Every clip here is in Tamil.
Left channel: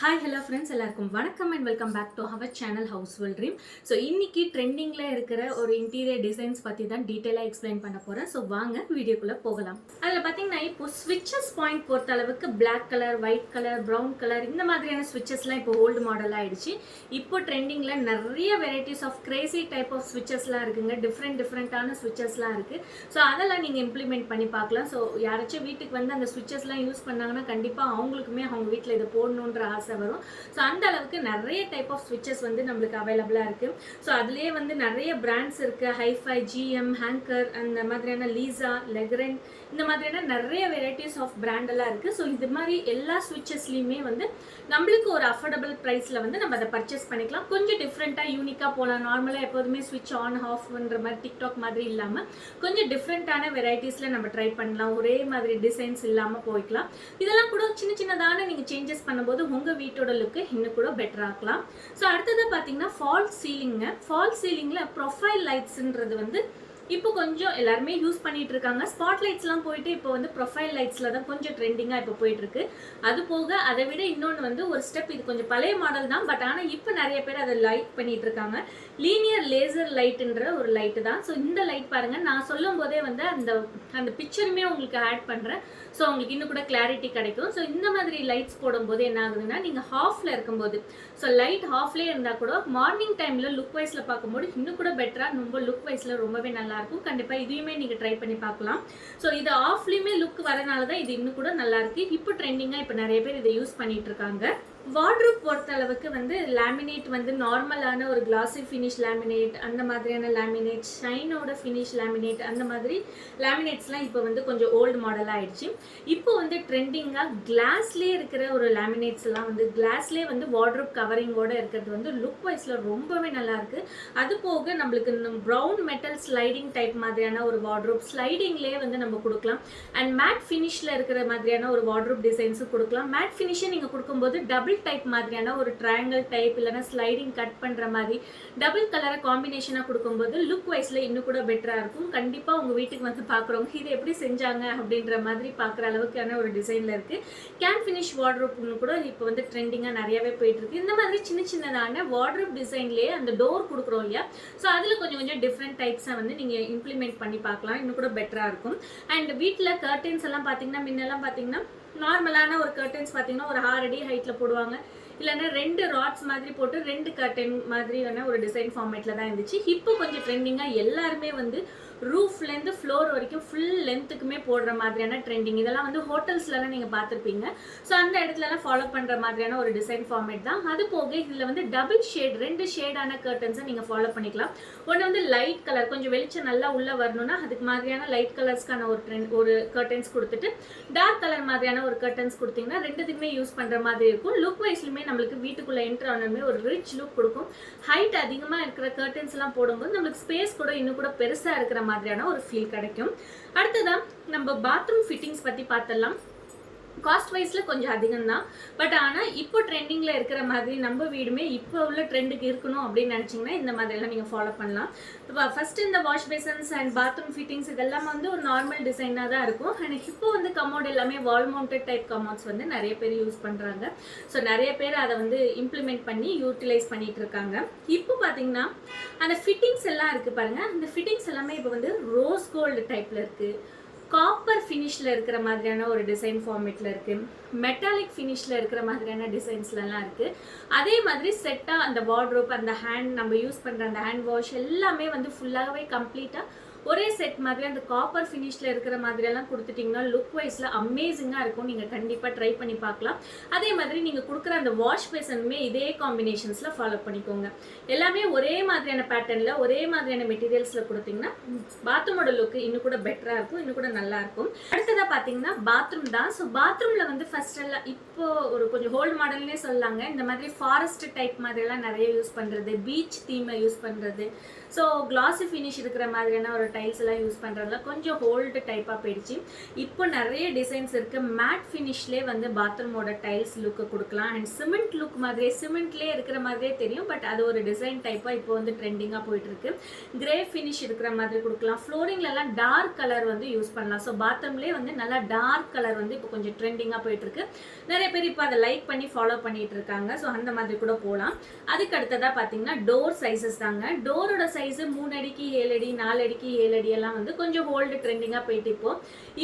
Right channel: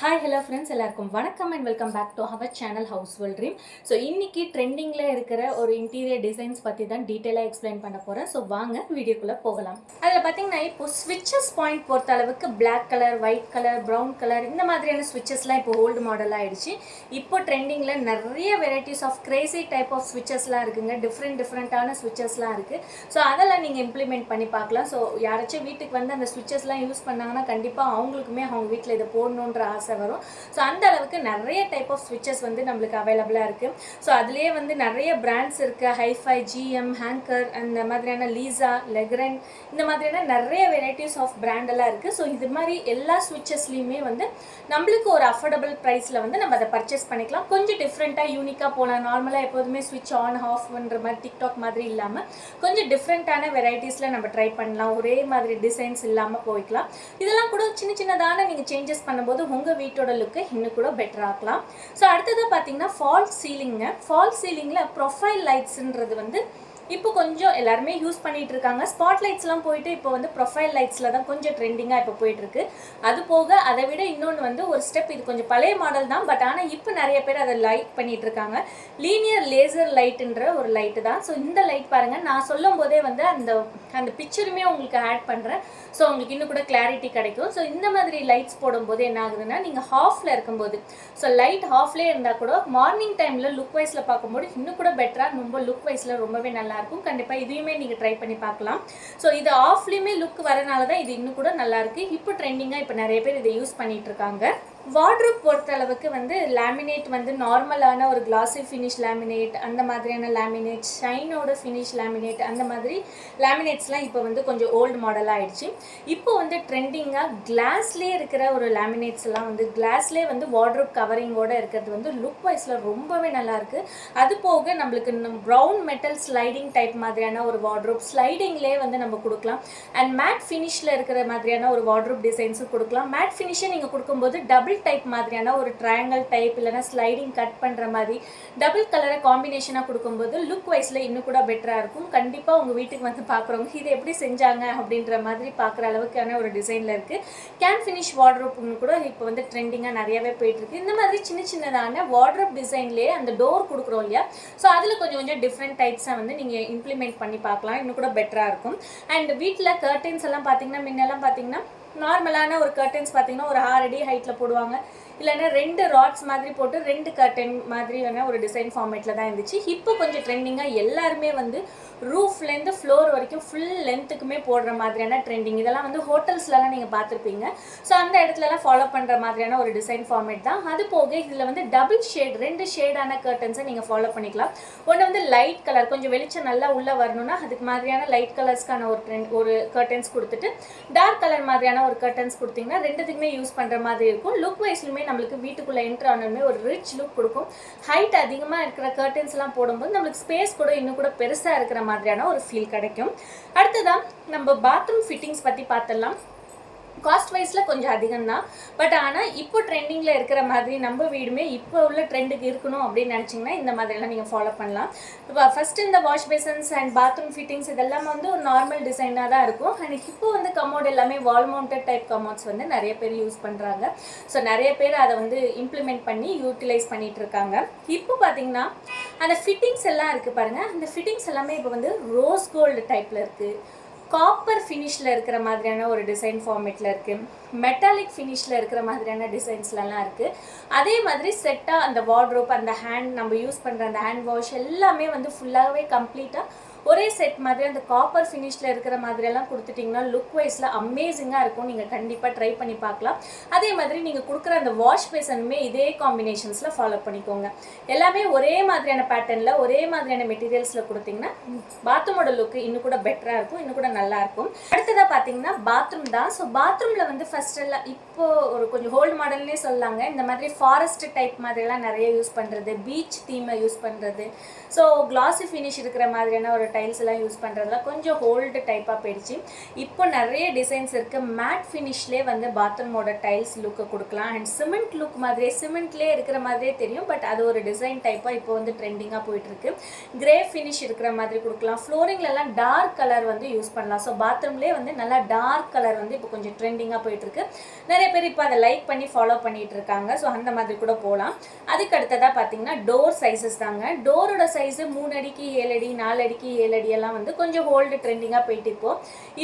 ஹாய் ஹலோ ஃப்ரெண்ட்ஸ் எல்லாருக்கும் வணக்கம் and welcome back to our channel house well dream so இன்றைக்கி ட்ரெண்டிங்கில் இருக்கிற ஒரு இன்டீரியர் டிசைன்ஸ் பற்றி தான் டீட்டெயிலாக எக்ஸ்பிளைன் பண்ண போகிறேன் ஸோ வாங்க வீடியோக்குள்ளே போகலாம். அதில் பார்த்தீங்கன்னா இப்போ ஸ்விட்சஸ் பாயிண்ட் பொறுத்த அளவுக்கு black colour white colour brown colour இந்த மாதிரியான ஸ்விட்சஸ்லாம் இப்போ ஓல்டு மாடல் ஆகிடுச்சு இப்போ ட்ரெண்டிங்கில் நிறைய varieties of crazy type of ஸ்விட்சஸ்லாம் இருக்குங்க. டிஃப்ரெண்ட் டிஃப்ரெண்ட்டான ஸ்விட்சஸ்லாம் இருக்குது ஸோ அதெல்லாம் நீங்கள் இம்ப்ளிமெண்ட் பண்ணி பார்க்கலாம். ஸோ யாராச்சும் வீட்டுக்கு வந்து அந்த ஸ்விட்சஸ்லாம் யூஸ் பண்ணாங்கன்னா கண்டிப்பாக அவங்களுக்குமே அவங்க வீட்டில் இதை போடணுன்ற ஆசை வரும். ஸோ அந்த அளவுக்கு நிறைய டைப் ஆஃப் ஸ்விட்சஸ் வந்து நம்மளுக்கு அவைலபிளாக இருக்குது ஸோ அதுலேயே வந்து நிறைய பிராண்ட்ஸ் இருக்குது ஹைஃபை ஜிஎம் ஹேங்கர் அந்த மாதிரியான லீசா லெக்ரன் இந்த மாதிரியான நிறைய வெரைட்டிஸ் ஆஃப் பிராண்டெல்லாம் இருக்குது ஸோ இது மாதிரி எல்லா ஸ்விட்சஸ்லேயுமே வந்து நம்மளுக்கு ஒரு அஃபோர்டபுள் ப்ரைஸில் வந்து நம்ம அதை பர்ச்சேஸ் பண்ணிக்கலாம். கொஞ்சம் டிஃப்ரெண்ட்டாக யூனிக்காக போகலாம் நார்மலாக எப்போதுமே ஸ்விட்ச் ஆன் ஆஃப் பண்ணுற மாதிரி டிக்டாக் மாதிரி இல்லாமல் கொஞ்சம் டிஃப்ரெண்ட்டான வெரைட்டிஸில் நம்ம ட்ரை பண்ணலாம். ஒரே மாதிரி டிசைன்ஸ் இல்லாமல் போய்க்கலாம். இதெல்லாம் கூட சின்ன சின்னதான நீங்கள் சேஞ்சஸ் பண்ணும்போது உங்கள் வீட்டோட லுக்கு இன்னும் கூட பெட்டர் ஆக்கலாம் ஸோ அடுத்தது பார்த்தீங்கன்னா ஃபால் சீலிங்க ஃபால் சீலிங்கில் ப்ரொஃபைல் லைட்ஸுன்றது வந்து இப்போ கொஞ்சம் எல்லாருமே யூஸ் பண்ணிட்டு இருக்காங்க ஸ்பாட் லைட்ஸ்லாம் போயிட்டு இப்போ வந்து ப்ரொஃபைல் லைட்ஸில் தான் கொஞ்சம் ட்ரெண்டிங்காக இப்போ போயிட்டு இருக்கு அது போக அதை விட இன்னொன்று வந்து ஒரு ஸ்டெப் இது கொஞ்சம் பழைய மாடல் தான். பட் ஆனால் இப்போ நிறைய பேர் அதை லைட் பண்ணிட்டு இருக்காங்க லீனியர் லேசர் லைட்டுன்ற ஒரு லைட்டு தான். ஸோ இந்த லைட் பாருங்கள் நான் சொல்லும் போதே வந்து அந்த அந்த பிக்சருமே உங்களுக்கு ஆட் பண்ணுறேன் ஸோ உங்களுக்கு இன்னும் கூட கிளாரிட்டி கிடைக்கும். ஸோ இந்த மாதிரி லைட்ஸ் போடும்போது என்ன ஆகுதுன்னா நீங்கள் ஹாஃபில் இருக்கும்போது ஸோ லைட் ஹாஃப்லேயே இருந்தால் கூட மார்னிங் டைமில் லுக் வைஸில் பார்க்கும்போது இன்னும் கூட பெட்டராக ரொம்ப லுக் வைஸில் ரொம்பவே நல்லா இருக்கும் கண்டிப்பாக இதையுமே நீங்கள் ட்ரை பண்ணி பார்க்கலாம். ஸோ இது ஆஃப்லேயுமே லுக் வரனால தான் இது இன்னும் கூட நல்லா இருக்கு இப்போ ட்ரெண்டிங்காக இப்போ நிறைய பேர் இதை யூஸ் பண்ணிட்டு இருக்காங்க. வார்ட்ரூப் பொறுத்த அளவுக்கு வந்து லேமினேட் வந்து நார்மலான ஒரு கிளாஸி ஃபினிஷ் லேமினேட் அந்த மாதிரியான லேமினேட் ஷைனோட ஃபினிஷ் லேமினேட் அந்த மாதிரி லேமினேட்ஸ்லாம் இப்போ வந்து கொஞ்சம் ஓல்டு மாடலாக ஆயிடுச்சு. இப்போ வந்து ட்ரெண்டிங்காக கிளாஸ்லேயே இருக்கிற ஒரு லேமினேட்ஸ் எல்லாம் வந்து கிளாஸ்லேயே வந்து வார்ட்ரூப் கவரிங்கோட இருக்கிறது வந்து லுக் வைஸில் ரொம்பவே நல்லாயிருக்கு அது போக நம்மளுக்கு ப்ரௌன் மெட்டல் ஸ்லைடிங் டைப் மாதிரியான ஒரு வார்ட்ரூப் ஸ்லைடிங்லேயே வந்து நம்ம கொடுக்கலாம். அண்ட் மேட் ஃபினிஷில் இருக்கிற மாதிரியான ஒரு வார்ட்ரூப் டிசைன்ஸும் கொடுக்கலாம். மேட் ஃபினிஷை நீங்கள் கொடுக்கும்போது டபுள் டைப் மாதிரியான ஒரு ட்ரையாங்கல் டைப் இல்லைனா ஸ்லைடிங் கட் பண்ணுற மாதிரி டபுள் கலரை காம்பினேஷனாக கொடுக்கும்போது லுக் வைஸில் இன்னும் கூட பெட்டராக இருக்கும். கண்டிப்பாக உங்கள் வீட்டுக்கு வந்து பார்க்குறவங்க இதை எப்படி செஞ்சாங்க? அப்படின்ற மாதிரி பார்க்குற அளவுக்கான ஒரு டிசைனில் இருக்குது கேன் ஃபினிஷ் வார்ட்ரோப்னு கூட இப்போ வந்து ட்ரெண்டிங்காக நிறையவே போயிட்டுருக்கு இந்த மாதிரி சின்ன சின்னதான வார்ட்ரோப் டிசைன்லேயே அந்த டோர் கொடுக்குறோம் இல்லையா? ஸோ அதில் கொஞ்சம் கொஞ்சம் டிஃப்ரெண்ட் டைப்ஸாக வந்து நீங்கள் இம்ப்ளிமெண்ட் பண்ணி பார்க்கலாம். இன்னும் கூட பெட்டராக இருக்கும். அண்ட் வீட்டில் கர்டன்ஸ் எல்லாம் பார்த்தீங்கன்னா முன்னெல்லாம் பார்த்தீங்கன்னா நார்மலான ஒரு கர்டன்ஸ் பார்த்தீங்கன்னா ஒரு ஆறு அடி ஹைட்டில் போடுவாங்க. இல்லைன்னா ரெண்டு ராட்ஸ் மாதிரி போட்டு ரெண்டு கர்டன் மாதிரியான ஒரு டிசைன் ஃபார்மேட்டில் தான் இருந்துச்சு. இப்போ கொஞ்சம் ட்ரெண்டிங்காக எல்லாருமே வந்து ரூஃப்லேருந்து ஃப்ளோர் வரைக்கும் ஃபுல் லென்த்துக்குமே போடுற மாதிரியான ட்ரெண்டிங் இதெல்லாம் வந்து ஹோட்டல்ஸ்லலாம் நீங்கள் பார்த்துருப்பீங்க. ஸோ அந்த இடத்துலலாம் ஃபாலோ பண்ணுற மாதிரியான ஒரு டிசைன் ஃபார்மேட் தான். அது போக இதில் வந்து டபுள் ஷேட் ரெண்டு ஷேடான கர்டன்ஸை நீங்கள் ஃபாலோ பண்ணிக்கலாம். ஒன்று வந்து லைட் கலர் கொஞ்சம் வெளிச்சம் நல்லா உள்ளே வரணும்னா அதுக்கு மாதிரியான லைட் கலர்ஸ்க்கான ஒரு ட்ரெண்ட் ஒரு கர்டன்ஸ் கொடுத்துட்டு டார்க் கலர் மாதிரியான ஒரு கர்டன்ஸ் கொடுத்தீங்கன்னா ரெண்டுத்துக்குமே யூஸ் பண்ணுற மாதிரி இருக்கும். லுக் வைஸ்லுமே நம்மளுக்கு வீட்டுக்குள்ளே என்ட்ரு ஆனதுமே ஒரு ரிச் லுக் கொடுக்கும். ஹைட் அதிகமாக இருக்கிற கர்ட்டன்ஸ்லாம் போடும்போது நம்மளுக்கு ஸ்பேஸ் கூட இன்னும் கூட பெருசாக இருக்கிற மாதிரியான ஒரு ஃபீல் கிடைக்கும். அடுத்ததான் நம்ம பாத்ரூம் ஃபிட்டிங்ஸ் பற்றி பார்த்துடலாம் காஸ்ட் வைஸில் கொஞ்சம் அதிகம் தான் பட் ஆனால் இப்போ ட்ரெண்டிங்கில் இருக்கிற மாதிரி நம்ம வீடுமே இப்போ உள்ள ட்ரெண்டுக்கு இருக்கணும் அப்படின்னு நினச்சிங்கன்னா இந்த மாதிரிலாம் நீங்கள் ஃபாலோ பண்ணலாம். இப்போ ஃபஸ்ட்டு இந்த wash basins and bathroom fittings இதெல்லாம் வந்து ஒரு நார்மல் டிசைனாக தான் இருக்கும். அண்ட் இப்போ வந்து கமோட் எல்லாமே வால் மவுண்டட் டைப் கமோட்ஸ் வந்து நிறைய பேர் யூஸ் பண்ணுறாங்க ஸோ நிறைய பேர் அதை வந்து இம்ப்ளிமெண்ட் பண்ணி யூட்டிலைஸ் பண்ணிகிட்டு இருக்காங்க. இப்போ பார்த்தீங்கன்னா அந்த ஃபிட்டிங்ஸ் எல்லாம் இருக்குது பாருங்கள் அந்த ஃபிட்டிங்ஸ் எல்லாமே இப்போ வந்து ரோஸ் கோல்டு டைப்பில் இருக்குது காப்பர் ஃபினிஷில் இருக்கிற மாதிரியான ஒரு டிசைன் ஃபார்மேட்டில் இருக்குது மெட்டாலிக் ஃபினிஷில் இருக்கிற மாதிரியான டிசைன்ஸ்லலாம் இருக்குது அதே மாதிரி செட்டாக அந்த வார்ட்ரோப் அந்த ஹேண்ட் நம்ம யூஸ் பண்ணுற அந்த ஹேண்ட் வாஷ் எல்லாமே வந்து ஃபுல்லாகவே கம்ப்ளீட்டாக ஒரே செட் மாதிரி அந்த காப்பர் ஃபினிஷில் இருக்கிற மாதிரியெல்லாம் கொடுத்துட்டிங்கன்னா லுக் வைஸில் அமேசிங்காக இருக்கும். நீங்கள் கண்டிப்பாக ட்ரை பண்ணி பார்க்கலாம். அதே மாதிரி நீங்கள் கொடுக்குற அந்த வாஷ் பேசனுமே இதே காம்பினேஷன்ஸில் ஃபாலோ பண்ணிக்கோங்க. எல்லாமே ஒரே மாதிரியான பேட்டர்னில் ஒரே மாதிரியான மெட்டீரியல்ஸில் கொடுத்தீங்கன்னா பாத்ரூமோட லுக்கு இன்னும் கூட பெட்டராக இருக்கும் இன்னும் கூட நல்லா இருக்கும். அடுத்ததாக பார்த்தீங்கன்னா பாத்ரூம் தான். ஸோ பாத்ரூமில் வந்து ஃபர்ஸ்ட் எல்லாம் இப்போது ஒரு கொஞ்சம் ஹோல்டு மாடல்லே சொல்லாங்க. இந்த மாதிரி ஃபாரஸ்ட் டைப் மாதிரிலாம் நிறைய யூஸ் பண்ணுறது பீச் தீமை யூஸ் பண்ணுறது ஸோ கிளாஸி ஃபினிஷ் இருக்கிற மாதிரியான ஒரு டைல்ஸ் எல்லாம் யூஸ் பண்ணுறதுல கொஞ்சம் ஹோல்டு டைப்பாக போயிடுச்சு. இப்போ நிறைய டிசைன்ஸ் இருக்குது மேட் ஃபினிஷ்லேயே வந்து பாத்ரூமோட டைல்ஸ் லுக்கு கொடுக்கலாம். அண்ட் சிமெண்ட் லுக் மாதிரியே சிமெண்ட்லேயே இருக்கிற மாதிரியே தெரியும். பட் அது ஒரு டிசைன் டைப்பாக இப்போ வந்து ட்ரெண்டிங்காக போயிட்டுருக்கு கிரே ஃபினிஷ் இருக்கிற மாதிரி கொடுக்கலாம். ஃப்ளோரிங்லலாம் டார்க் கலர் வந்து யூஸ் பண்ணலாம். ஸோ பாத்ரூம்லேயே வந்து நல்லா டார்க் கலர் வந்து இப்போ கொஞ்சம் ட்ரெண்டிங்காக போயிட்டுருக்கு நிறைய பேர் இப்போ அதை லைக் பண்ணி ஃபாலோ பண்ணிட்டு இருக்காங்க. ஸோ அந்த மாதிரி கூட போகலாம் அதுக்கு அடுத்ததாக பார்த்தீங்கன்னா டோர் சைஸஸ் தாங்க. டோரோட சைஸு மூணு அடிக்கு ஏழு அடி நாலு அடிக்கு ஏழு அடியெல்லாம் வந்து கொஞ்சம் ஓல்டு ட்ரெண்டிங்காக போயிட்டு இப்போ.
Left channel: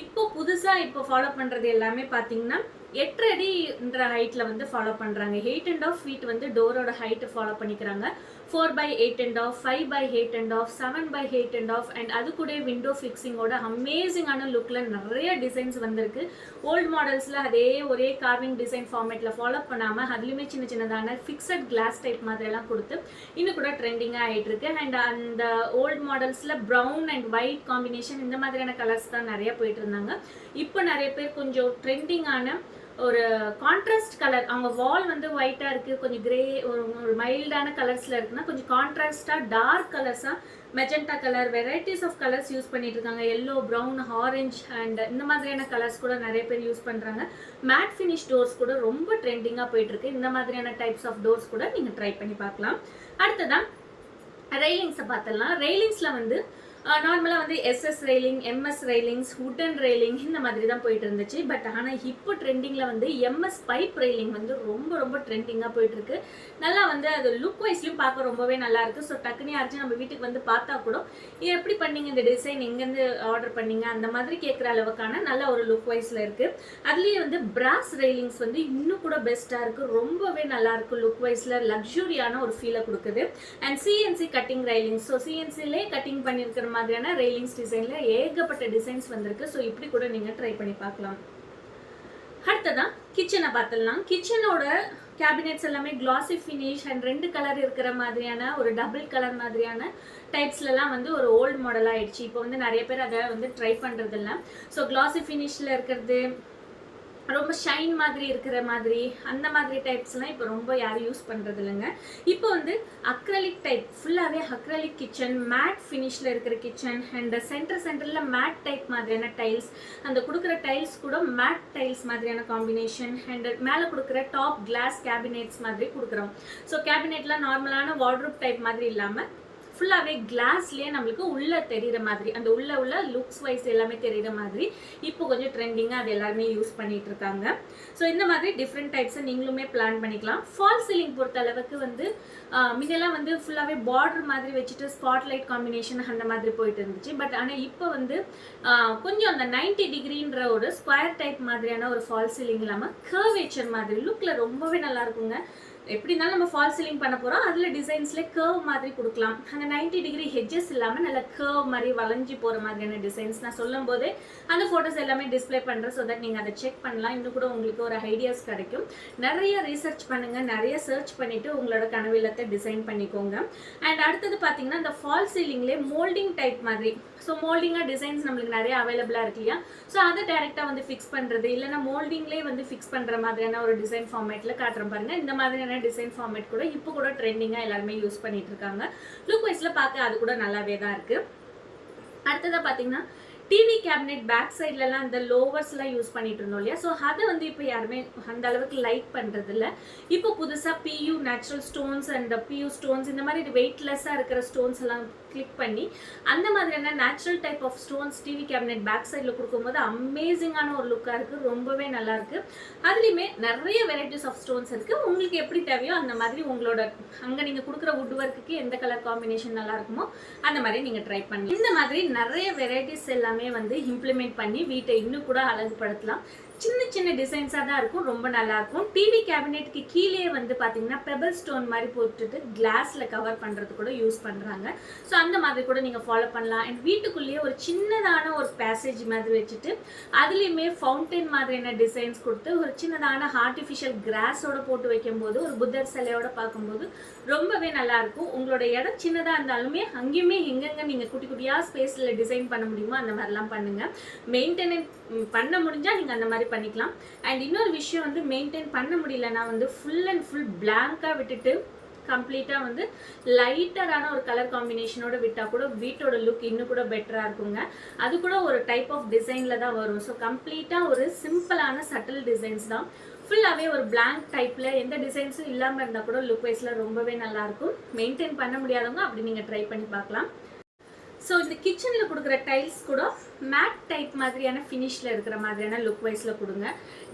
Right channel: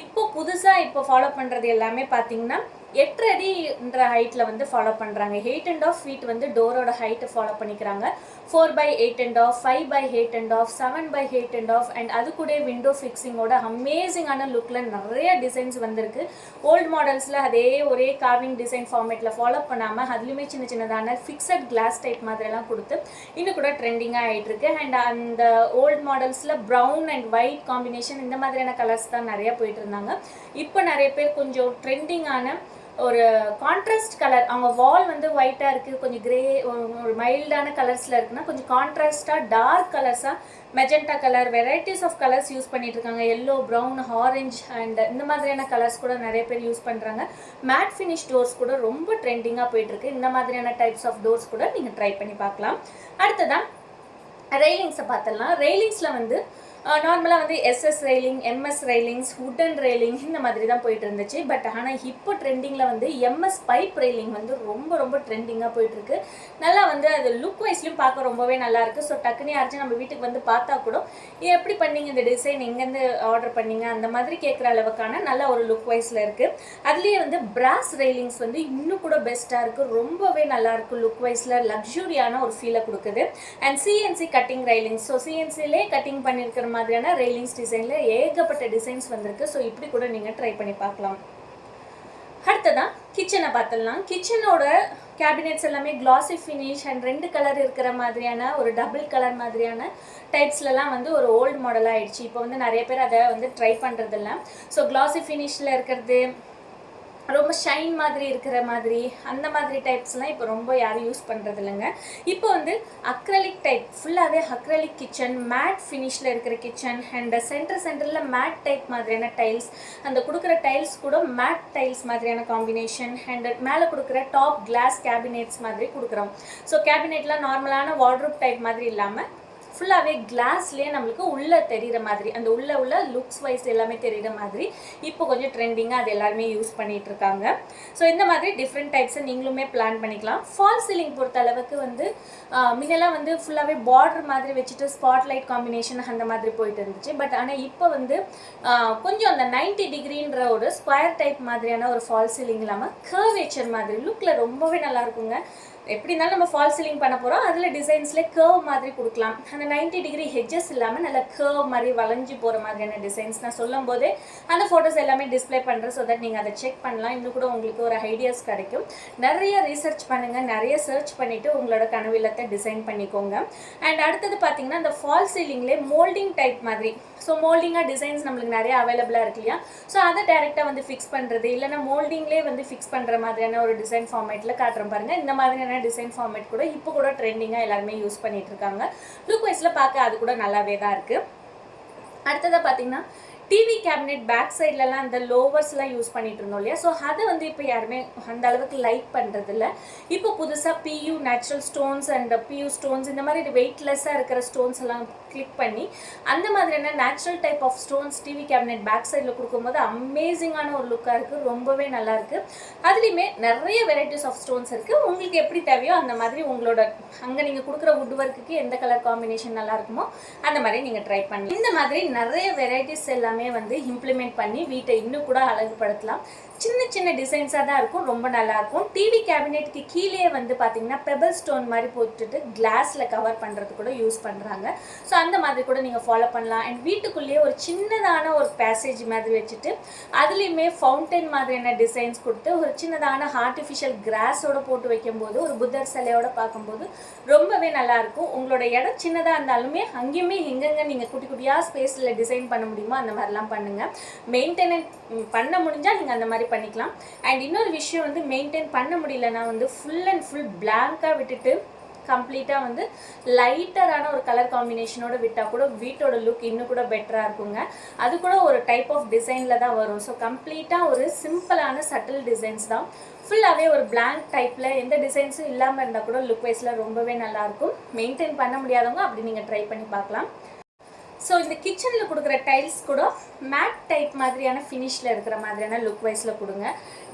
இப்போ புதுசாக இப்போ ஃபாலோ பண்ணுறது எல்லாமே பார்த்தீங்கன்னா எட்டு அடின்ற ஹைட்டில் வந்து ஃபாலோ பண்ணுறாங்க எயிட் அண்ட் ஆஃப் ஃபீட் வந்து டோரோட ஹைட்டை ஃபாலோ பண்ணிக்கிறாங்க. Four by eight and half five by eight and half seven by eight and half and அது கூட விண்டோ ஃபிக்ஸிங்கோட அமேசிங்கான லுக்கில் நிறைய டிசைன்ஸ் வந்திருக்கு. ஓல்டு மாடல்ஸில் அதே ஒரே கார்விங் டிசைன் ஃபார்மேட்டில் ஃபாலோ பண்ணாமல் அதுலேயுமே சின்ன சின்னதான ஃபிக்ஸட் கிளாஸ் டைப் மாதிரியெல்லாம் கொடுத்து இன்னும் கூட ட்ரெண்டிங்காக ஆகிட்டுருக்கு அண்ட் அந்த ஓல்டு மாடல்ஸில் ப்ரௌன் அண்ட் ஒயிட் காம்பினேஷன் இந்த மாதிரியான கலர்ஸ் தான் நிறைய போயிட்டு இருந்தாங்க. இப்போ நிறைய பேர் கொஞ்சம் ட்ரெண்டிங்கான ஒரு கான்ட்ராஸ்ட் கலர் அவங்க வால் வந்து ஒயிட்டாக இருக்குது கொஞ்சம் கிரே ஒரு மைல்டான கலர்ஸில் இருக்குன்னா கொஞ்சம் கான்ட்ராஸ்டாக dark கலர்ஸாக magenta colour varieties of colours use பண்ணிட்டு இருக்காங்க எல்லோ ப்ரௌன் ஆரஞ்ச் அண்ட் இந்த மாதிரியான கலர்ஸ் கூட நிறைய பேர் யூஸ் பண்ணுறாங்க மேட் ஃபினிஷ் டோர்ஸ் கூட ரொம்ப ட்ரெண்டிங்காக போயிட்டுருக்கு. இந்த மாதிரியான டைப்ஸ் ஆஃப் டோர்ஸ் கூட நீங்கள் ட்ரை பண்ணி பார்க்கலாம். அடுத்ததான் ரெயிலிங்ஸை பார்த்துடலாம் ரெயிலிங்ஸில் வந்து நார்மலாக வந்து SS railing MS railings wooden railing இந்த மாதிரி தான் போயிட்டு இருந்துச்சு பட் ஆனால் இப்போ ட்ரெண்டிங்கில் வந்து எம்எஸ் பைப் ரெயிலிங் வந்து ரொம்ப ரொம்ப ட்ரெண்டிங்காக போயிட்டுருக்கு. நல்லா வந்து அது லுக் வைஸ்லையும் பார்க்க ரொம்பவே நல்லா இருக்குது ஸோ டக்குனே யாராச்சும் நம்ம வீட்டுக்கு வந்து பார்த்தா கூட இது எப்படி பண்ணீங்க இந்த டிசைன் எங்கேருந்து ஆர்டர் பண்ணீங்க? அந்த மாதிரி கேட்குற அளவுக்கான நல்ல ஒரு லுக் வைஸில் இருக்குது அதுலேயே வந்து பிராஸ் ரெயிலிங்ஸ் வந்து இன்னும் கூட பெஸ்ட்டாக இருக்குது ரொம்பவே நல்லாயிருக்கு லுக் வைஸில் லக்ஸுரியான ஒரு ஃபீலை கொடுக்குது. And CNC cutting railings so சிஎன்சிலே cutting பண்ணியிருக்கிற மாதிரியான ரெயிலிங்ஸ் டிசைனில் ஏகப்பட்ட டிசைன்ஸ் வந்திருக்கு. ஸோ இப்படி கூட நீங்கள் ட்ரை பண்ணி பார்க்கலாம். அடுத்ததான் கிச்சனை பார்த்துடலாம். கிச்சனோட கேபினெட்ஸ் எல்லாமே கிளாசி ஃபினிஷ் அண்ட் ரெண்டு கலர் இருக்கிற மாதிரியான ஒரு டபுள் கலர் மாதிரியான டைப்ஸ்லலாம் வந்து ஒரு ஓல்டு மாடலாக ஆயிடுச்சு. இப்போ வந்து நிறைய பேர் அதை வந்து ட்ரை பண்ணுறதில்ல ஸோ கிளாசி ஃபினிஷில் இருக்கிறது ரொம்ப ஷைன் மாதிரி இருக்கிற மாதிரி அந்த மாதிரி டைப்ஸ்லாம் இப்போ ரொம்ப யாரும் யூஸ் பண்ணுறது இல்லைங்க இப்போ வந்து அக்ரலிக் டைப் ஃபுல்லாகவே அக்ரலிக் கிச்சன் மேட் ஃபினிஷில் இருக்கிற கிச்சன் அண்ட் சென்டர் சென்டரில் மேட் டைப் மாதிரியான டைல்ஸ் அந்த கொடுக்குற டைல்ஸ் கூட மேட் டைல்ஸ் மாதிரியான காம்பினேஷன் அண்ட் மேலே கொடுக்குற டாப் கிளாஸ் கேபினெட்ஸ் மாதிரி கொடுக்குறோம். ஸோ கேபினெட்லாம் நார்மலான வார்ட்ரூப் டைப் மாதிரி இல்லாமல் ஃபுல்லாகவே கிளாஸ்லேயே நம்மளுக்கு உள்ளே தெரிகிற மாதிரி அந்த உள்ளே உள்ள லுக்ஸ் வைஸ் எல்லாமே தெரிகிற மாதிரி இப்போ கொஞ்சம் ட்ரெண்டிங்காக அது எல்லாருமே யூஸ் பண்ணிகிட்ருக்காங்க இருக்காங்க. ஸோ இந்த மாதிரி டிஃப்ரெண்ட் டைப்ஸை நீங்களுமே பிளான் பண்ணிக்கலாம். ஃபால் சீலிங் பொறுத்த அளவுக்கு வந்து முன்னெல்லாம் வந்து ஃபுல்லாகவே பார்டர் மாதிரி வச்சுட்டு ஸ்பாட் லைட் காம்பினேஷன் அந்த மாதிரி போயிட்டு இருந்துச்சு. பட் ஆனால் இப்போ வந்து கொஞ்சம் அந்த 90 டிகிரின்ற ஒரு ஸ்கொயர் டைப் மாதிரியான ஒரு ஃபால் சீலிங் இல்லாமல் கர்வேச்சர் மாதிரி லுக்கில் ரொம்பவே நல்லா இருக்குங்க. எப்படி இருந்தாலும் நம்ம ஃபால் சீலிங் பண்ண போகிறோம் அதில் டிசைன்ஸில் கர்வ் மாதிரி கொடுக்கலாம். அந்த 90 டிகிரி ஹெட்ஜஸ் இல்லாமல் நல்ல கர்வ் மாதிரி வளைஞ்சு போகிற மாதிரியான டிசைன்ஸ் நான் சொல்லும் போதே அந்த ஃபோட்டோஸ் எல்லாமே டிஸ்ப்ளே பண்ணுறேன் ஸோ தட் நீங்கள் அதை செக் பண்ணலாம். இன்னும் கூட உங்களுக்கு ஒரு ஐடியாஸ் கிடைக்கும். நிறைய ரீசர்ச் பண்ணுங்கள் நிறைய சர்ச் பண்ணிவிட்டு உங்களோட கனவிலத்தை டிசைன் பண்ணிக்கோங்க. அண்ட் அடுத்தது பார்த்தீங்கன்னா அந்த ஃபால் சீலிங்லேயே மோல்டிங் டைப் மாதிரி. ஸோ மோல்டிங்காக டிசைன்ஸ் நம்மளுக்கு நிறைய அவைலபிளாக இருக்கு இல்லையா? ஸோ அதை டேரெக்டாக வந்து ஃபிக்ஸ் பண்ணுறது இல்லைன்னா மோல்டிங்லேயே வந்து ஃபிக்ஸ் பண்ணுற மாதிரியான ஒரு டிசைன் ஃபார்மேட்டில் காட்டுறோம் பாருங்கள் இந்த மாதிரியான டிசைன் ஃபார்மேட் கூட இப்போ கூட ட்ரெண்டிங்காக எல்லாருமே யூஸ் பண்ணிட்டு இருக்காங்க. லுக் வைஸில் பார்க்க அது கூட நல்லாவே தான் இருக்குது அடுத்ததாக பார்த்தீங்கன்னா டிவி கேபினெட் பேக் சைட்லலாம் அந்த லோவர்ஸ்லாம் யூஸ் பண்ணிட்டு இருந்தோம் இல்லையா? ஸோ அதை வந்து இப்போ யாருமே அந்த அளவுக்கு லைக் பண்ணுறதில்ல இப்போ புதுசாக few natural stones and few stones இந்த மாதிரி வெயிட்லெஸ்ஸாக இருக்கிற ஸ்டோன்ஸ் எல்லாம் கிளிக் பண்ணி அந்த மாதிரியான natural type of stones TV cabinet back சைடில் கொடுக்கும்போது அமேசிங்கான ஒரு லுக்காக இருக்குது ரொம்பவே நல்லாயிருக்கு அதுலேயுமே நிறைய வெரைட்டிஸ் ஆஃப் ஸ்டோன்ஸ் இருக்குது உங்களுக்கு எப்படி தேவையோ அந்த மாதிரி உங்களோட அங்கே நீங்கள் கொடுக்குற வுட் ஒர்க்குக்கு எந்த கலர் காம்பினேஷன் நல்லா இருக்குமோ அந்த மாதிரி நீங்கள் ட்ரை பண்ணி இந்த மாதிரி நிறைய வெரைட்டிஸ் எல்லாமே வந்து இம்ப்ளிமெண்ட் பண்ணி வீட்டை இன்னும் கூட அழகுபடுத்தலாம். சின்ன சின்ன டிசைன்ஸாக தான் இருக்கும். ரொம்ப நல்லாயிருக்கும் டிவி கேபினெட்டுக்கு கீழே வந்து பார்த்தீங்கன்னா பெபிள் ஸ்டோன் மாதிரி போட்டுட்டு கிளாஸில் கவர் பண்ணுறது கூட யூஸ் பண்ணுறாங்க ஸோ அந்த மாதிரி கூட நீங்கள் ஃபாலோ பண்ணலாம். அண்ட் வீட்டுக்குள்ளேயே ஒரு சின்னதான ஒரு பேசேஜ் மாதிரி வச்சுட்டு அதுலேயுமே ஃபவுண்டைன் மாதிரியான டிசைன்ஸ் கொடுத்து ஒரு சின்னதான ஆர்டிஃபிஷியல் கிராஸோட போட்டு வைக்கும்போது ஒரு புத்தர் சிலையோட பார்க்கும்போது ரொம்பவே நல்லாயிருக்கும் உங்களோட இடம் சின்னதாக இருந்தாலுமே அங்கேயுமே எங்கெங்கே நீங்கள் குட்டி குட்டியாக ஸ்பேஸில் டிசைன் பண்ண முடியுமோ அந்த மாதிரி மாதிரிலாம் பண்ணுங்கள் மெயின்டெனன்ஸ் பண்ண முடிஞ்சால் நீங்கள் அந்த மாதிரி பண்ணிக்கலாம். அண்ட் இன்னொரு விஷயம் வந்து மெயின்டைன் பண்ண முடியலன்னா வந்து ஃபுல் அண்ட் ஃபுல் பிளாங்காக விட்டுட்டு கம்ப்ளீட்டாக வந்து லைட்டரான ஒரு கலர் காம்பினேஷனோட விட்டால் கூட வீட்டோட லுக் இன்னும் கூட பெட்டராக இருக்குங்க. அது கூட ஒரு டைப் ஆஃப் டிசைனில் தான் வரும். ஸோ கம்ப்ளீட்டாக ஒரு சிம்பிளான சட்டில் டிசைன்ஸ் தான். ஃபுல்லாகவே ஒரு பிளாங்க் டைப்பில் எந்த டிசைன்ஸும் இல்லாமல் இருந்தால் கூட லுக் வைஸில் ரொம்பவே நல்லாயிருக்கும் மெயின்டைன் பண்ண முடியாதவங்க அப்படி நீங்கள் ட்ரை பண்ணி பார்க்கலாம். ஸோ இந்த கிச்சனில் கொடுக்குற டைல்ஸ் கூட மேட் டைப் மாதிரியான ஃபினிஷில் இருக்கிற மாதிரியான லுக் வைஸில் கொடுங்க.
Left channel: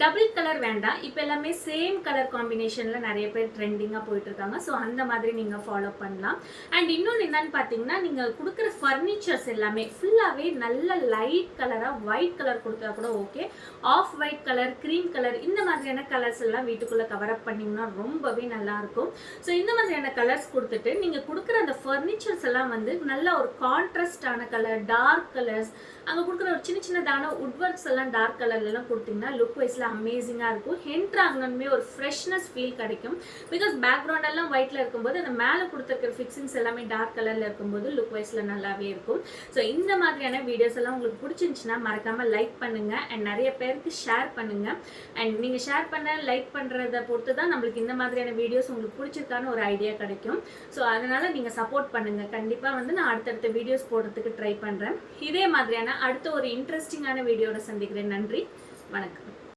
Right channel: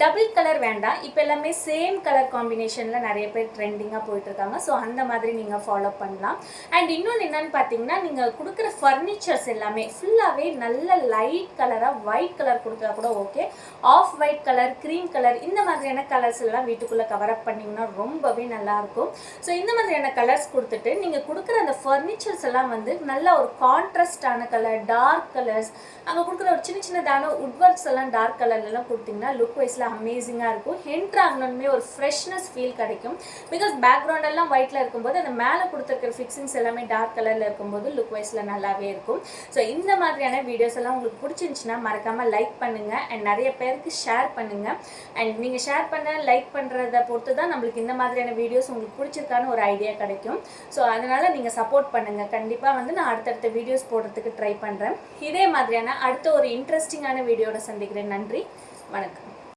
டபுள் கலர் வேண்டாம். இப்போ எல்லாமே சேம் கலர் காம்பினேஷனில் நிறைய பேர் ட்ரெண்டிங்காக போயிட்டுருக்காங்க ஸோ அந்த மாதிரி நீங்கள் ஃபாலோ பண்ணலாம். அண்ட் இன்னொன்று என்னன்னு பார்த்தீங்கன்னா நீங்கள் கொடுக்குற ஃபர்னிச்சர்ஸ் எல்லாமே ஃபுல்லாகவே நல்ல லைட் கலராக ஒயிட் கலர் கொடுத்தா கூட okay off white colour cream colour இந்த மாதிரியான கலர்ஸ் எல்லாம் வீட்டுக்குள்ளே கவர் அப் பண்ணிங்கன்னா ரொம்பவே நல்லாயிருக்கும் ஸோ இந்த மாதிரியான கலர்ஸ் கொடுத்துட்டு நீங்கள் கொடுக்குற அந்த ஃபர்னிச்சர்ஸ் எல்லாம் வந்து நல்ல ஒரு கான் கான்ட்ராஸ்டான கலர் டார்க் கலர்ஸ் அங்கே கொடுக்குற ஒரு சின்ன சின்னதான உட்வர்க்ஸ் எல்லாம் டார்க் கலர்லலாம் கொடுத்தீங்கன்னா லுக் வைஸில் அமேசிங்காக இருக்கும். ஹென்ட்ரு ஆகணுமே ஒரு ஃப்ரெஷ்னஸ் ஃபீல் கிடைக்கும். பிகாஸ் பேக்ரவுண்ட் எல்லாம் ஒயிட்டில் இருக்கும்போது அந்த மேலே கொடுத்துருக்கிற ஃபிக்ஸிங்ஸ் எல்லாமே டார்க் கலரில் இருக்கும்போது லுக் வைஸில் நல்லாவே இருக்கும். ஸோ இந்த மாதிரியான வீடியோஸ் எல்லாம் உங்களுக்கு பிடிச்சிருந்துச்சுன்னா மறக்காமல் லைக் பண்ணுங்கள் அண்ட் நிறைய பேருக்கு ஷேர் பண்ணுங்கள் அண்ட் நீங்கள் ஷேர் பண்ண லைக் பண்ணுறத பொறுத்து தான் நம்மளுக்கு இந்த மாதிரியான வீடியோஸ் உங்களுக்கு பிடிச்சிருக்கான்னு ஒரு ஐடியா கிடைக்கும். ஸோ அதனால் நீங்கள் சப்போர்ட் பண்ணுங்கள் கண்டிப்பாக வந்து நான் அடுத்தடுத்த வீடியோஸ் போடுறதுக்கு ட்ரை பண்ணுறேன் இதே மாதிரியான அடுத்த ஒரு இன்ட்ரெஸ்டிங்கான வீடியோட சந்திக்கிறேன். நன்றி. வணக்கம்.